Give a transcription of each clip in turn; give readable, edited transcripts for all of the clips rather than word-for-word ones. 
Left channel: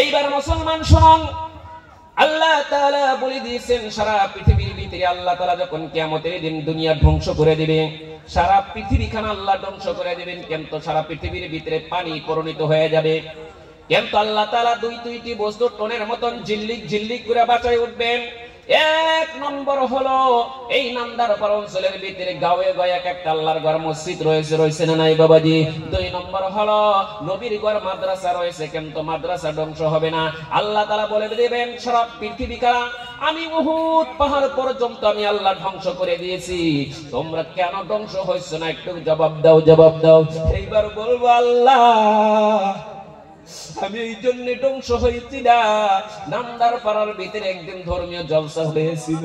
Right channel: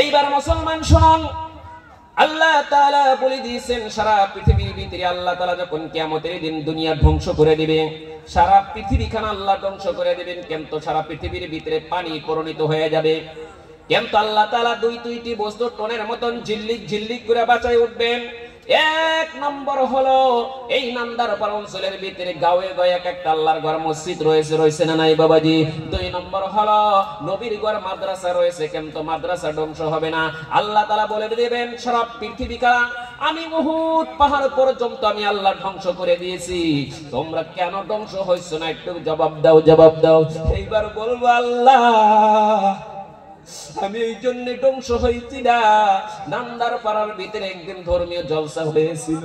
এইবার মুসলমান শুনুন, আল্লাহ তাআলা বলে দিয়েছেন সারা পৃথিবীর ভিতরে আল্লাহ তাআলা যখন কিয়ামতের দিন দুনিয়া ধ্বংস করে দিবে, সারা পৃথিবীখানা আল্লাহ ধ্বংস করে দিবেন, কিন্তু সারা পৃথিবীর ভিতরে পানি পরিণত হয়ে যাবে। কিন্তু আল্লাহ তাআলা দুইটি বস্তু টোনের মতন ঝিল্লিক ঝিল্লিক করে বাঁচায় উঠবেন। এক নম্বর হলো এই নামদার পাড়া অঞ্চলের ভিতরে গাঁয়ে গাঁয়ে এক একটা আল্লাহর ঘর মসজিদ রয়েছে না নাই বাবাজি। দুই নম্বর হলো নবীর ঘর মাদ্রাসা রয়েছে, কিন্তু মাদ্রাসা ধ্বংস হবে না। আল্লাহ তাআলা বলে দিবেন সারা পৃথিবীকা আমি উহুদ পাহাড় পর্যন্ত আমি আল্লাহ ধ্বংস করে দিয়েছি, তোমরা কেন ধ্বংস হইছো না একটু জবাব দাও। এইবার বলবো আল্লাহ আমি এই জন্য ধ্বংস হয়েছি না, নামদার পাড়ার ভিতরে একদিন ধর্মীয় জলসা হয়েছিল,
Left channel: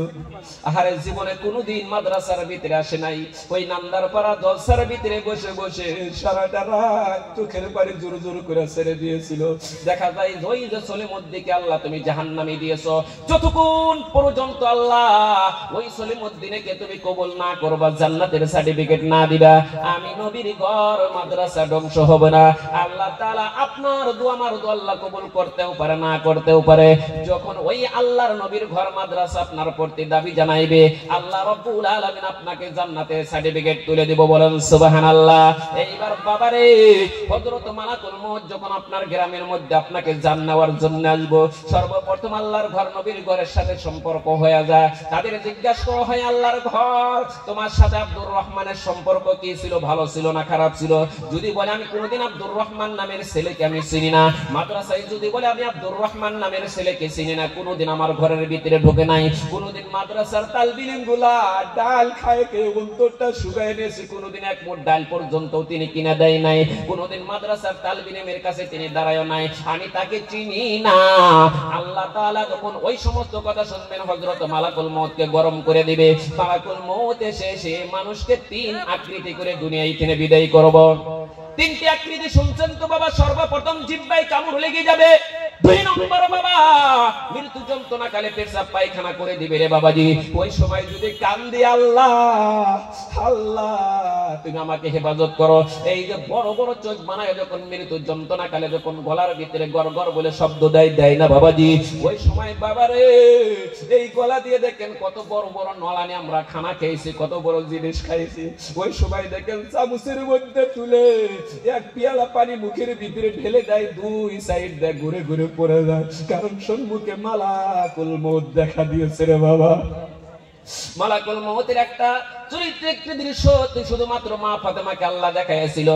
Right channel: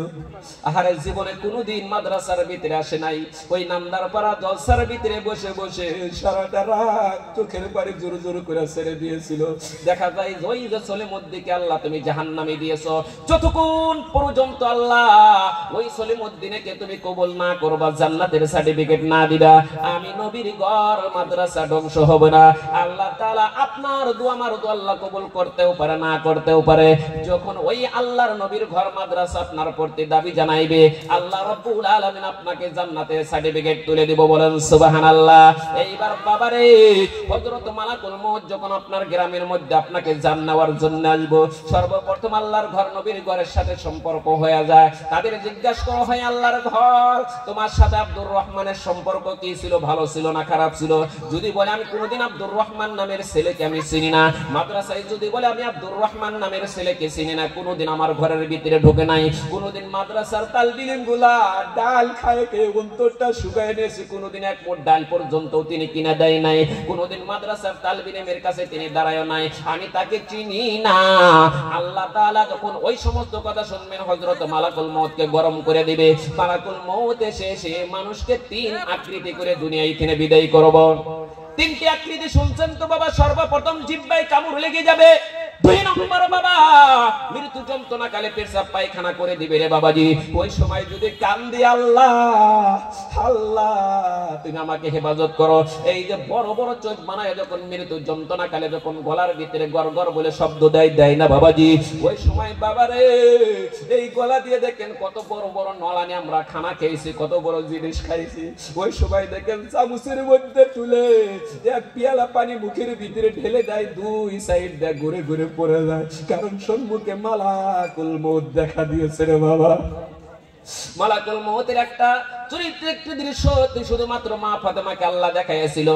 আহারে জীবনে কোনোদিন মাদ্রাসার ভিতরে আসে নাই, ওই নামদার পাড়া জলসার ভিতরে বসে বসে সারাটা রাত চোখের পানি জোর জোর করে ছেড়ে দিয়েছিল। দেখা যায় ওই যে সলিমুদ্দিনকে আল্লাহ তুমি জাহান্নামে দিয়েছো, যতক্ষণ পর্যন্ত আল্লাহ ওই সলিমুদ্দিনকে তুমি কবুল না করবা, জান্নাতের সার্টিফিকেট না দিবা, আমি নবীর ঘর মাদ্রাসা ধ্বংস হবে না। আল্লাহ তাআলা আপনার দোয়া আমার দোয়া আল্লাহ কবুল করতেও পারে না করতেও পারে। যখন ওই আল্লাহর নবীর ঘর মাদ্রাসা আপনার প্রতি দাবি জানাইবে, আল্লাহ রাব্বুল আলামিন আপনাকে জান্নাতের সার্টিফিকেট তুলে দিব, বলেন সুবহানাল্লাহ। এইবার বাবারে হযরত মালাকুল মউত যখন আপনার গ্রামের মধ্যে আপনাকে জান নেওয়ার জন্য আসবো, সর্বপ্রথম আল্লাহর ঘর নবীর ঘরের সাথে সম্পর্ক হয়ে যায়, তাদের জিজ্ঞাসা করা হয় আল্লাহর ঘর তোমার সাথে আব্দুর রহমানের সম্পর্ক কি ছিল, ভালো ছিল না খারাপ ছিল? যদি বলে আমি কোনোদিন আব্দুর রহমান নামের ছেলেকে আমি চিনি না, মাদ্রাসায় যদি বলে আমি আব্দুর রহমান নামের ছেলেকে চিনি না, কোনোদিন আমার ঘরের ভিতরে ঢোকে নাই, কোনোদিন মাদ্রাসার তালবিলিম গুলা ডাল খায় কে অন্তরটা শুকায় নিয়েছে, কোনোদিন এক মুঠ ডাল পর্যন্ত তিনি কিনে দেয় নাই, কোনোদিন মাদ্রাসার তালবিলিমের কাছে তিনি দাঁড়ায় নাই, আমি তাকে চিনি না। আল্লাহ তাআলা যখন ওই সমস্ত কথা শুনবেন, হযরত মালাকুল মউতকে গরম করে দিবে, মালাকুল মউত এসে মানুষকে তিন আকৃতি করে দুনিয়ায় থেকে বিদায় করব। তিনটি আকৃতি শুনছেন তো বাবা? সর্বপ্রথম জিহ্বায় কামড় লেগে যাবে, দুই নম্বর বাবা মৃত্যু যন্ত্রণা কালে পেশাব পায়খানা করে দিবে রে বাবাজি। ওই সময় যদি কান্দি আল্লাহ আল্লাহ তুমি আমাকে হেফাজত করো, এই যে বড় বড় চোখ বানায় যখন মৃত্যু যন্ত্রণা কালে যখন গলার ভিতরে গড়গড় বলে শব্দ দেয় না বাবাজি, ওই সময় বাবারে এই গলা দিয়ে দেখেন কত বড় বড় নলানি আমরা খানা খেয়েছি, কত বড় জিনিস খাইছি, ওই সময় দেখেন চামচের মধ্যে তুলে এক পেয়ালা পানি মুখের ভিতরে ঢেলে দেয়, দুই সাইড দিয়ে ঘুরে ঘুরে পড়ে যায়, কারণ সম্মুখে মালাকুল মউত দেখা দিয়েছে রে বাবা। মালাকুল মউতের একটা চরিত্র একটি দৃশ্য শুধুমাত্র মা ফাতেমাকে আল্লাহ দেখাইছিল,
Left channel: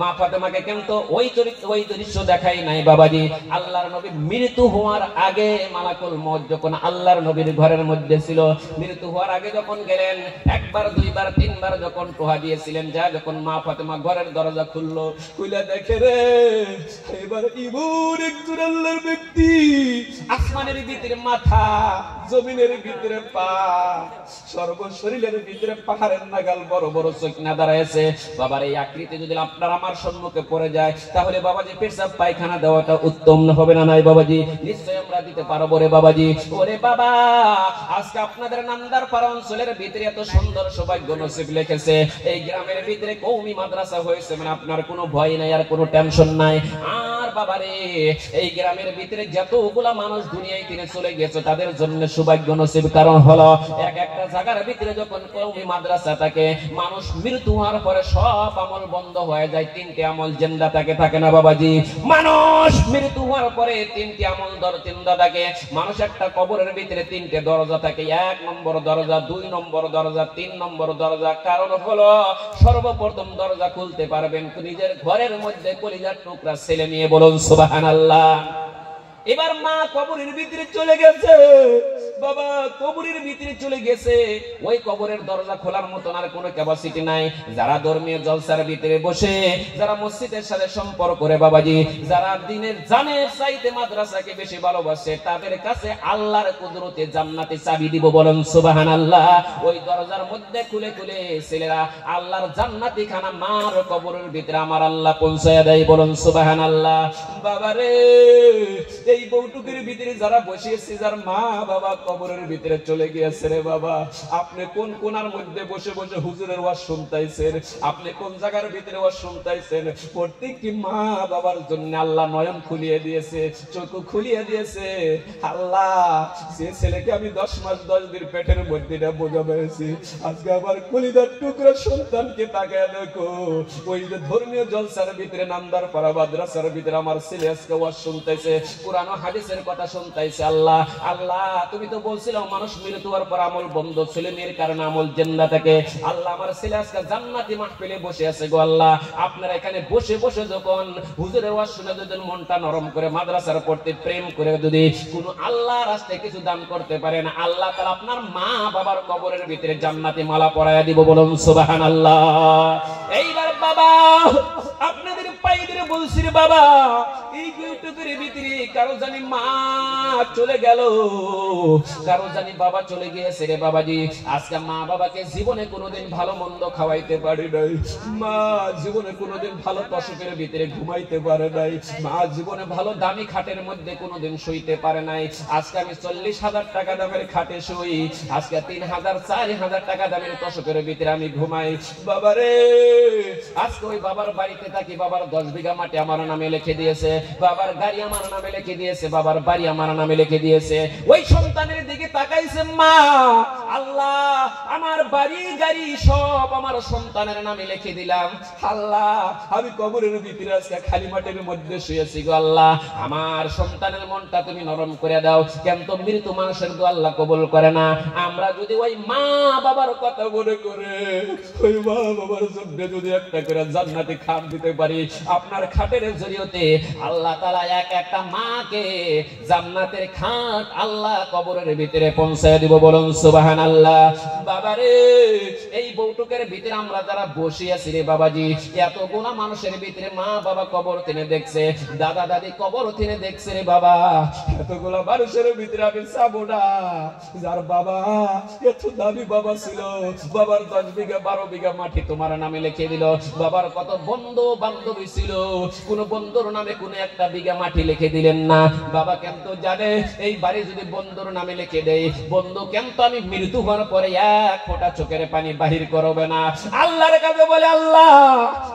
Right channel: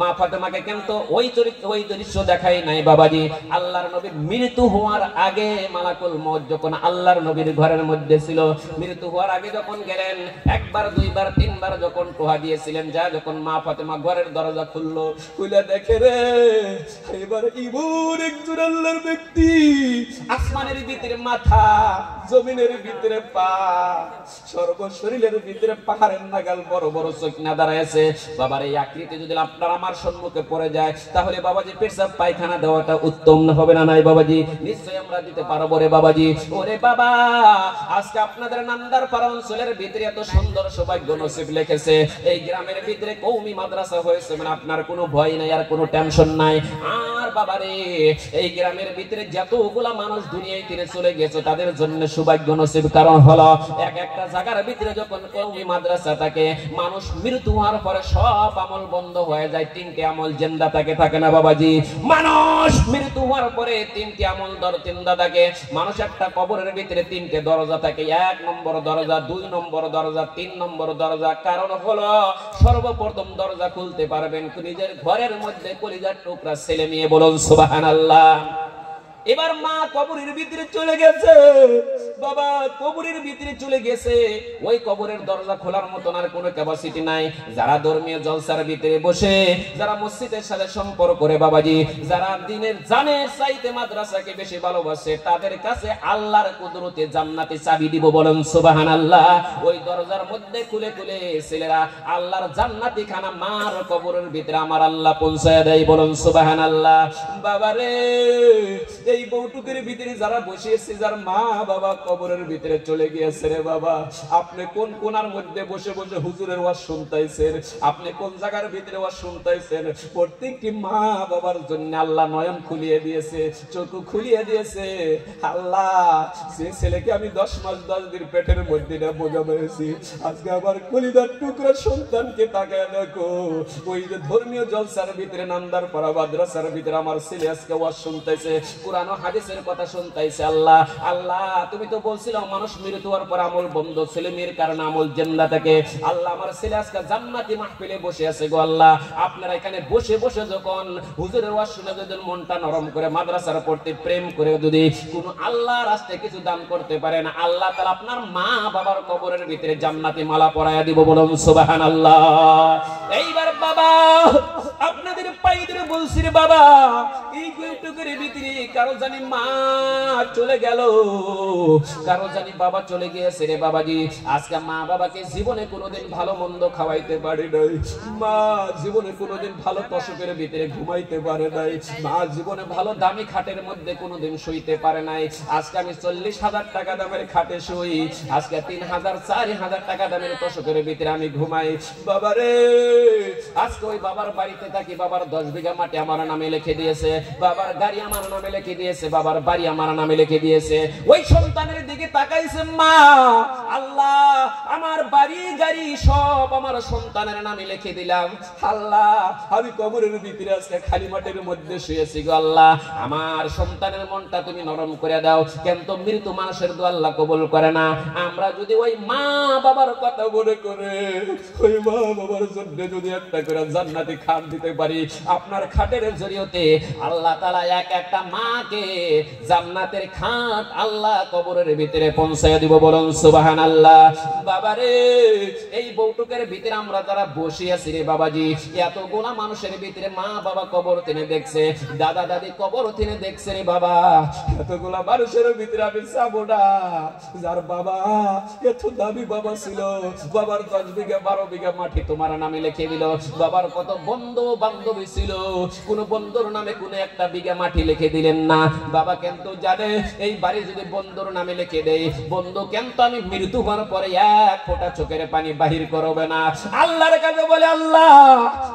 মা ফাতেমাকে কিন্তু ওই দৃশ্য দেখাই নাই বাবাজি। আল্লাহর নবীর মৃত্যু হওয়ার আগে মালাকুল মউত যখন আল্লাহর নবীর ঘরের মধ্যে ছিল, মৃত্যু হওয়ার আগে যখন গেলেন একবার দুইবার তিনবার যখন পোহা দিয়েছিলেন, যা যখন মা ফাতেমা ঘরের দরজা খুললো, খুলে দেখে রে এবার ইবুর একজন আল্লাহর ব্যক্তি, আসমানের ভিতরে মাথা, জমিনের ভিতরে পা, সর্ব শরীরের ভিতরে পাহাড়ের নাগাল বড় বড় চোখ না দাঁড়াইছে। বাবার এই আকৃতি যদি আপনার আমার সম্মুখে পড়ে যায়, তাহলে বাবাজি পেশাব পায়খানা দেওয়াটা উত্তম হবে না নাই বাবাজি? নিশ্চয়ই আমরা দিতে পারবো রে বাবাজি। ওরে বাবা আজকে আপনাদের নামদার পাড়া অঞ্চলের ভিতরে এত সুন্দর সৌভাগ্য নসিব লিখেছে, এই গ্রামের ভিতরে কওমি মাদ্রাসা হয়েছে, মানে আপনার কোনো ভয় নাই আর কোনো টেনশন নাই। আর বাবারে এই গ্রামের ভিতরে যতগুলা মানুষ দুনিয়ায় থেকে চলে গেছে তাদের জন্য সৌভাগ্য নসিব, কারণ হলো এক একটা জায়গার ভিতরে যখন কওমি মাদ্রাসা থাকে, মানুষ মৃত্যু হওয়ার পরে সব আমল বন্ধ হয়ে যায়, তিনটি আমল জিন্দা থাকে না বাবাজি? মানুষ মৃত্যু হওয়ার পরে তিনটি আমল জিন্দা থাকে। মানুষ একটা কবরের ভিতরে তিনটে দরজা থাকে, এক নম্বর দরজা, দুই নম্বর দরজা, তিন নম্বর দরজা। কারণ হলো সর্বপ্রথম দরজা খুলতে পারবেন নিজের ঘরের মধ্যে কলিজার টুকরা ছেলে নিয়ে, বলুন সুবহানাল্লাহ। এবার মা কবরের ভিতরে চলে গেছে, বাবা কবরের ভিতরে চলে গেছে, ওই কবরের দরজা খোলার মতন আর কোনো ক্যাপাসিটি নাই। যারা ধর্মীয় জলসার ভিতরে বসে, যারা মসজিদের সাথে সম্পর্ক করে বাবাজি, যারা দিনের জানের চাইতে মাদ্রাসাকে বেশি ভালোবাসে, তাদের কাছে আল্লাহর কুদরতে জান্নাতে চাবি দিব, বলেন সুবহানাল্লাহ। ওই দরজার মধ্যে খুলে খুলে ছেলেরা আল্লাহর জান্নাতি খানা মার কবরের ভিতরে আমার আল্লাহ পৌঁছায় দেয়, বলুন সুবহানাল্লাহ। বাবারে এই বউটুকের ভিতরে যারা বসিয়েছে, যার মা বাবা কবরের ভিতরে চলে গিয়েছে রে বাবা, আপনি কোন কোনার মধ্যে বসে বসে হুজুরের ওয়াজ শুনতাইছেন, আপনি কোন জায়গার ভিতরে ওয়াজ শুনতাইছেন, প্রত্যেকটি মা বাবার জন্য আল্লাহ নয়ন খুলিয়ে দিয়েছে, চোখ খুলিয়ে দিয়েছে। আল্লাহ, যে ছেলেকে আমি 10 মাস 10 দিন পেটের মধ্যে বোঝা পেয়েছি, আজকে আবার কলিদার টুকরা সন্তানকে তাকায় দেখো। ওই যে ধর্মীয় জলসার ভিতরে নামদার পাড়া মাদ্রাসার ভিতরে আমার ছেলে আজকে ওয়াজ শুনতেছে, কুরআন ও হাদিসের কথা শুনতেছে। আল্লাহ আল্লাহ, তুমি তো বলছিলে মানুষ মৃত্যু হওয়ার পর আমল বন্ধ, ছেলে মেয়ের কারণে আমল জিন্দা থাকে। আল্লাহ, আমার ছেলে আজকে জান্নাতি মাহফিলে বসে আছে গো আল্লাহ। আপনারা এখানে বসে বসে যখন হুজুরের ওয়াজ শুনে যদি মনটা নরম করে মাদ্রাসার পড়তে প্রেম করে যদি কোন আল্লাহ রাস্তায় কিছু দান করতে পারেন, আল্লাহ তাআলা আপনার মা বাবার কবরের ভিতরে জান্নাতি মালা পরায়া দিব। বলুন সুবহানাল্লাহ। এইবার বাবা আপনাদের পাইদের বলছি বাবা, এই গুইটুকুর ভিতরে কারো জানি মা চলে গেল, কারো জানি বাবা চলে গিয়েছে রে বাবাজি। আজকে মা বাবাকে জীবনে কোনোদিন ভালো মন্দ খাওয়াইতে পারে নাই, মা জীবনে কোনোদিন ভালো তোষকের ভিতরে ঘুমাইতে পারে নাই, মা জীবনে ভালো দামি খাটের মধ্যে কোনোদিন শুইতে পারে নাই। আজকে আমি 40,000 টাকা দামের খাটে শুই, আজকে 3,000 4,000 টাকা দামের তোষকের ভিতরে আমি ঘুমাই। বাবারে, আজকে ওই বাবার বাড়িতে থাকি, বাবার 10 বিঘা মাটি আমার নামে লিখে দিয়েছে, বাবার গাড়ি আমার নামে লিখে দিয়েছে, বাবার বাড়ি আমার নামে লিখে দিয়েছে। ওই সন্তানের দিকে তাকাইছে মা, আল্লাহ আমার বাড়ি গাড়ি সব আমার সন্তানের নামে লিখে দিলাম। আল্লাহ, আমি কবরের ভিতরে আজকে খালি মাটির মধ্যে শুয়েছি গো আল্লাহ, আমার সন্তানের মনটা তুমি নরম করে দাও। কিন্তু মৃত মানুষের দোয়া আল্লাহ কবুল করে না। আমরা যদি ওই মা বাবার কথা মনে করে ওই মা বাবার জন্য যদি একটা করে জান্নাতি খাট দিতে পারি, আপনার খাটের জরিয়তে আল্লাহ তাআলা এক একটা মাকে জান্নাতের খাট আল্লাহ কবরের ভিতরে পৌঁছায় দিব। বলুন সুবহানাল্লাহ। বাবারে, এই বউটুকের ভিতরে আমরা যারা বসে আছি রে বাবাজি, এত গুণা মানুষের ভিতরে মা বাবা কবর তিনি দেখছে, দাদা দাদি কবর তিনি দেখছে রে বাবা। এতগুলা মানুষের ভিতরে আমি যাবো না যার বাবা এত দামি বাবা ছিল, বাবার 10 বিঘা 12 বিঘা মাটি তোমার নামে লিখে দিল, বাবার কত বন্ধু বান্ধবী ছিল, কোন বন্ধুর নামে কোন একটা বিঘা মাটি লিখে দিলেন না। বাবা কিন্তু জানে এই বাড়ি যদি বন্ধুর নামে লিখে দেই, বন্ধু কিন্তু আমি মৃত্যু হওয়ার পরে এক ফোঁটা চোখের পানি বাহির করবে না। আল্লাহর কাছে বলে, আল্লাহ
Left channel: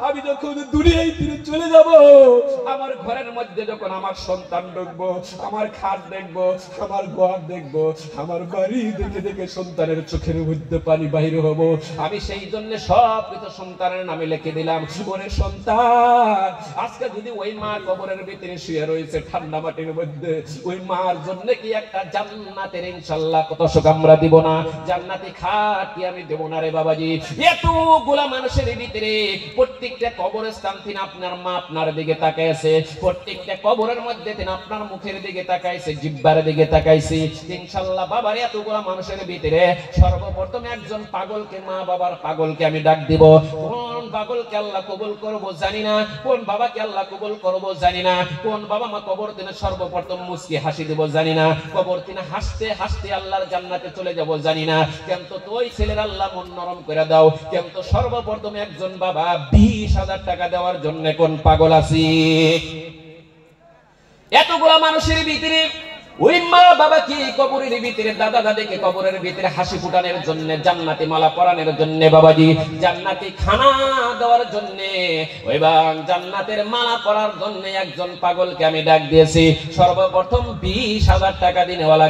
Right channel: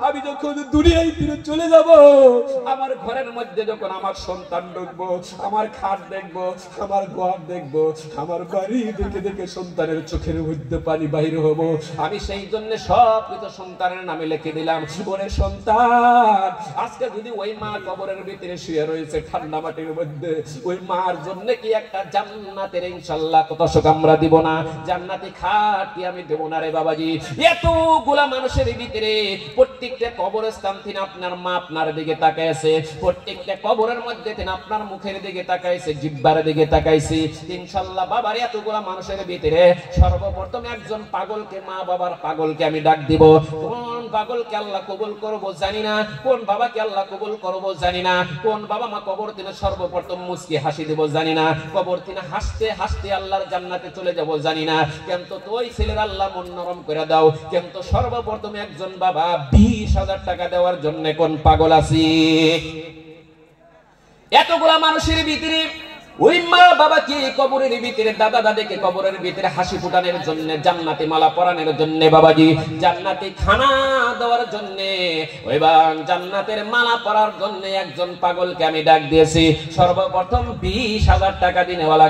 আমি যখন দুনিয়ায় ফিরে চলে যাব, আমার ঘরের মধ্যে যখন আমার সন্তান দেখবো, আমার খাট দেখবো, আমার ঘর দেখবো, আমার বাড়ি দেখে দেখে সন্তানের চোখের মধ্যে পানি বাহির হবো। আমি সেই জন্য সব কিছু সন্তানের নামে লিখে দিলাম। ওরে সন্তান, আজকে যদি ওই মা কবরের ভিতরে শুয়ে রয়েছে ঠান্ডা মাটির মধ্যে, ওই মার জন্য কি একটা জান্নাতের ইনশাআল্লাহ কত সুখ আমরা দিব না? জান্নাতি খাট কি আমি দেব না রে বাবাজি? এতগুলা মানুষের ভিতরে প্রত্যেকটা কবরস্থান থেকে আপনার মা আপনার দিকে তাকাইছে, প্রত্যেকটা কবরের মধ্যে থেকে আপনার মুখের দিকে তাকাইছে, জিহ্বার দিকে তাকাইছে। ইনশাআল্লাহ বাবার এতগুলা মানুষের ভিতরে সর্বপ্রথম একজন পাগলকে, মা বাবার পাগলকে আমি ডাক দিব। কোন পাগলকে আল্লাহ কবুল করব জানি না, কোন বাবাকে আল্লাহ কবুল করব জানি না, কোন বাবা মা কবর দিনে সর্বপ্রথম মুচকি হাসি দেব জানি না, কবর দিনে হাসতে হাসতে আল্লাহর জান্নাতে চলে যাব জানি না। কিন্তু তোই ছেলের আল্লাহ মন নরম করে দাও। কিন্তু সর্বপ্রথম একজন বাবা 20,000 টাকা দেওয়ার জন্য কোন পাগল আছি? এতগুলা মানুষের ভিতরে ওই মা বাবাকে কবরের ভিতরে, দাদা দাদিকে কবরের ভিতরে হাসি ফুটানোর জন্য, জান্নাতি মালা পরানোর জন্য, বাবাজি জান্নাতি খানা দেওয়ার জন্য, ওই জান্নাতের মালা পরার জন্য একজন পাগলকে আমি ডাক দিয়েছি। সর্বপ্রথম 20,000 টাকা দিনেওয়ালা